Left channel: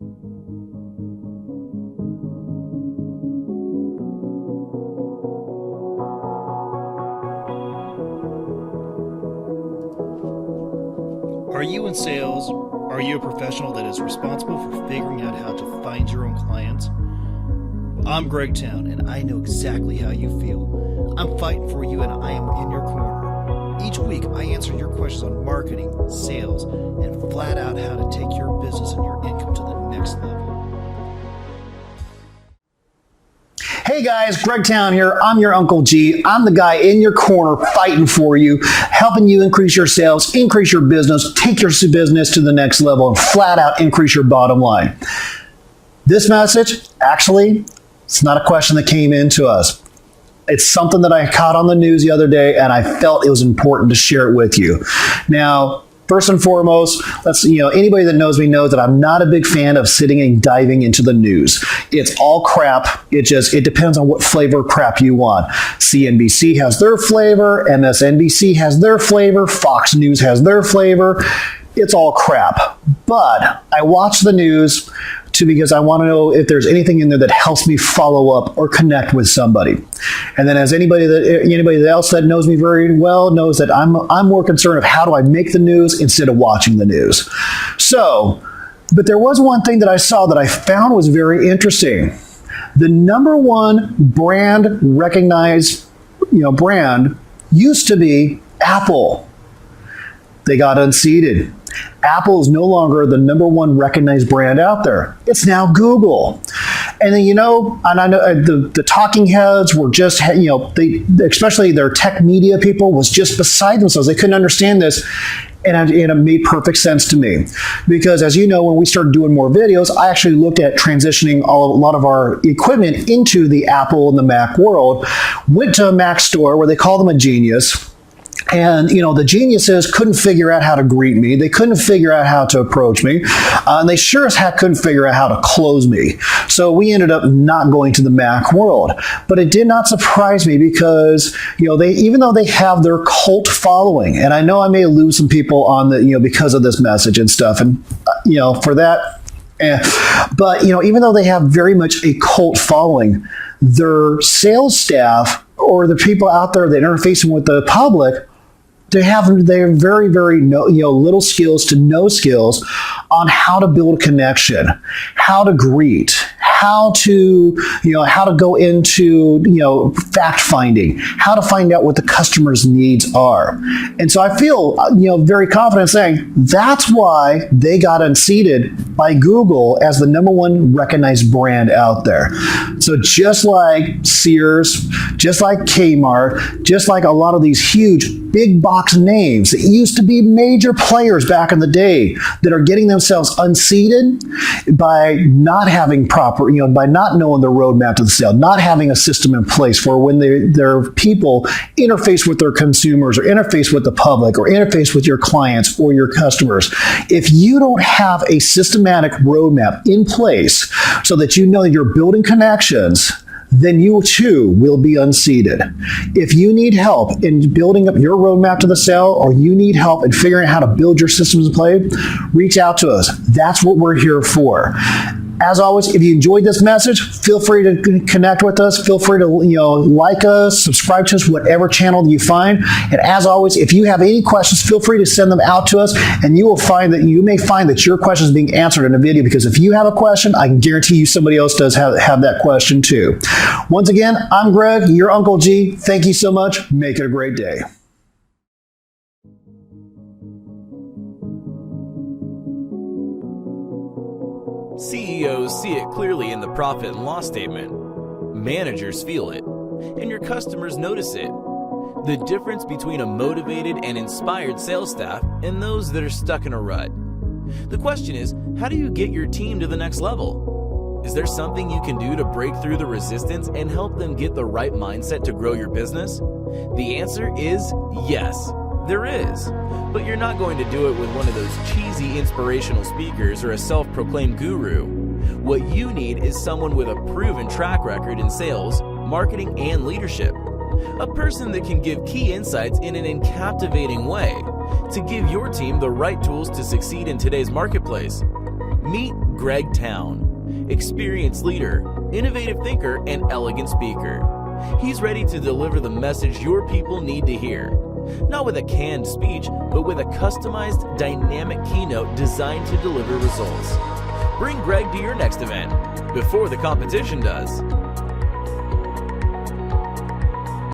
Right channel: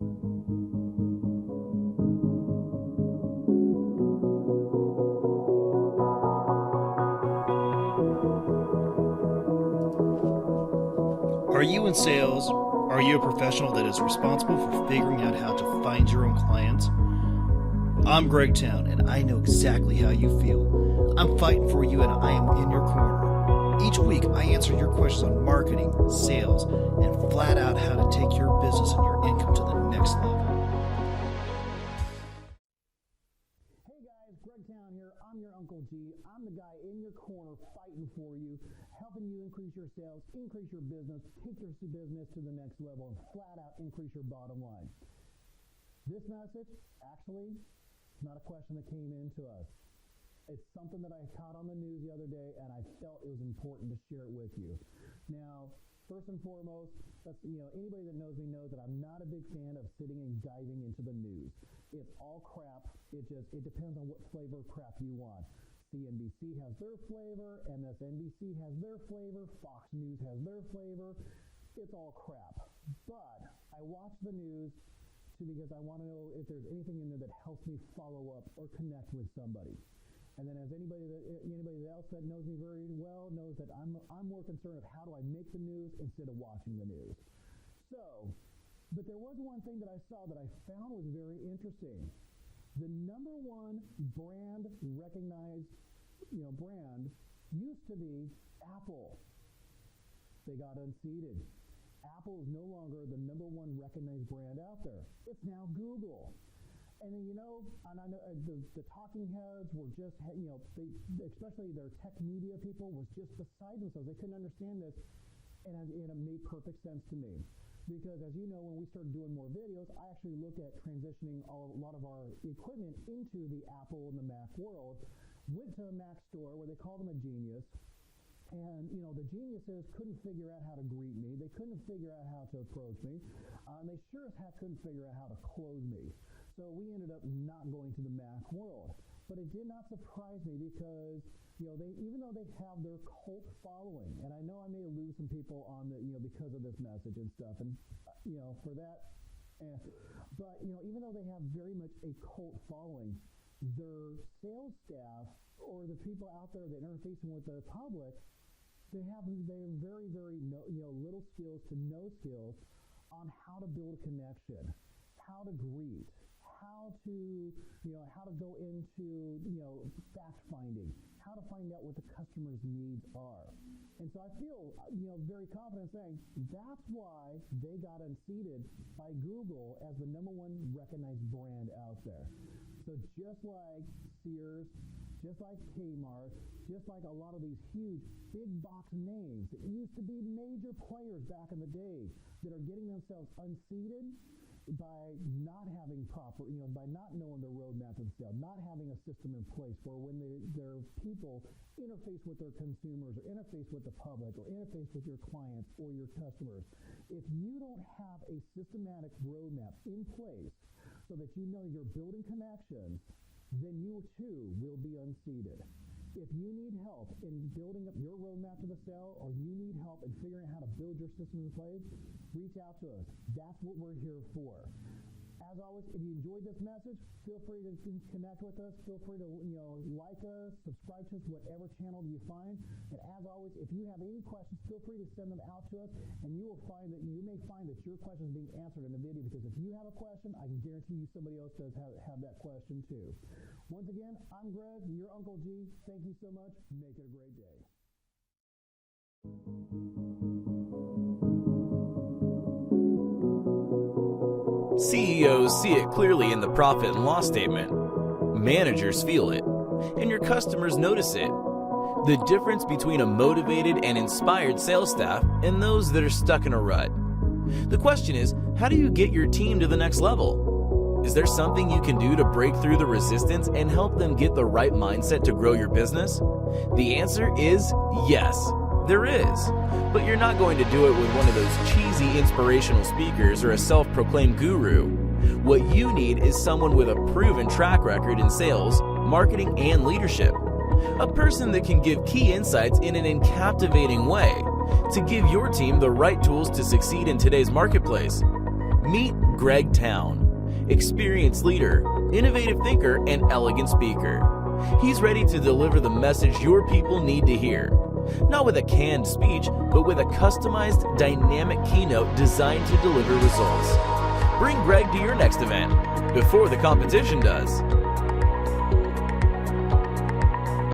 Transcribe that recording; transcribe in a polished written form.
Are you in sales? Are you a professional that is responsible for figuring out how to find your own clients? I'm Towne, and I know exactly how you feel. I'm fighting for you, and I am in your corner. Each week, I answer your questions on marketing, sales, and flat out how to take your business and your income to the next level. Hey guys, Towne here. I'm your Uncle G. I'm the guy in your corner fighting for you, helping you increase your sales, increase your business, take your business to the next level, and flat out increase your bottom line. This message, actually, it's not a question that came into us. It's something that I caught on the news the other day, and I felt it was important to share it with you. Now, first and foremost, anybody that knows me knows that I'm not a big fan of sitting and diving into the news. It's all crap. It depends on what flavor of crap you want. CNBC has their flavor, MSNBC has their flavor, Fox News has their flavor. It's all crap. But I watch the news because I want to know if there's anything in there that helps me follow up or connect with somebody. And then as anybody else that knows me very well knows that I'm more concerned of how do I make the news instead of watching the news. But there was one thing that I saw that I found was very interesting. The number one brand recognized, brand used to be Apple. They got unseated. Apple is no longer the number one recognized brand out there. It's now Google. And then, and I know the talking heads were just, especially their tech media people was just beside themselves. They couldn't understand this. And it made perfect sense to me. Because as you know, when we started doing more videos, I actually looked at transitioning a lot of our equipment into the Apple and the Mac world, went to a Mac store where they call them a genius. And, the geniuses couldn't figure out how to greet me. They couldn't figure out how to approach me. And they sure as heck couldn't figure out how to close me. So we ended up not going to the Mac world. But it did not surprise me because, even though they have their cult following, and I know I may lose some people on the, because of this message and stuff. And, for that, but, even though they have very much a cult following, their sales staff or the people out there that are interfacing with the public, they're very, very little skills to no skills on how to build a connection, how to greet, how to go into, fact finding, how to find out what the customer's needs are. And so I feel, very confident saying that's why they got unseated by Google as the number one recognized brand out there. So just like Sears, just like Kmart, just like a lot of these huge big box names that used to be major players back in the day that are getting themselves unseated by not having by not knowing the roadmap to the sale, not having a system in place for when their people interface with their consumers or interface with the public or interface with your clients or your customers. If you don't have a systematic roadmap in place so that you're building connections, then you too will be unseated. If you need help in building up your roadmap to the sale, or you need help in figuring out how to build your systems in play, reach out to us. That's what we're here for. As always, if you enjoyed this message, feel free to connect with us. Feel free to like us, subscribe to us, whatever channel you find. And as always, if you have any questions, feel free to send them out to us, and you may find that your question is being answered in a video, because if you have a question, I can guarantee you somebody else does have that question too. Once again, I'm Greg, your Uncle G. Thank you so much. Make it a great day. CEOs see it clearly in the profit and loss statement. Managers feel it, and your customers notice it. The difference between a motivated and inspired sales staff and those that are stuck in a rut. The question is, how do you get your team to the next level? Is there something you can do to break through the resistance and help them get the right mindset to grow your business? The answer is yes. There is, but you're not going to do it with one of those cheesy inspirational speakers or a self-proclaimed guru. What you need is someone with a proven track record in sales, marketing, and leadership. A person that can give key insights in an captivating way to give your team the right tools to succeed in today's marketplace. Meet Greg Towne, experienced leader, innovative thinker, and elegant speaker. He's ready to deliver the message your people need to hear. Not with a canned speech, but with a customized, dynamic keynote designed to deliver results. Bring Greg to your next event before the competition does.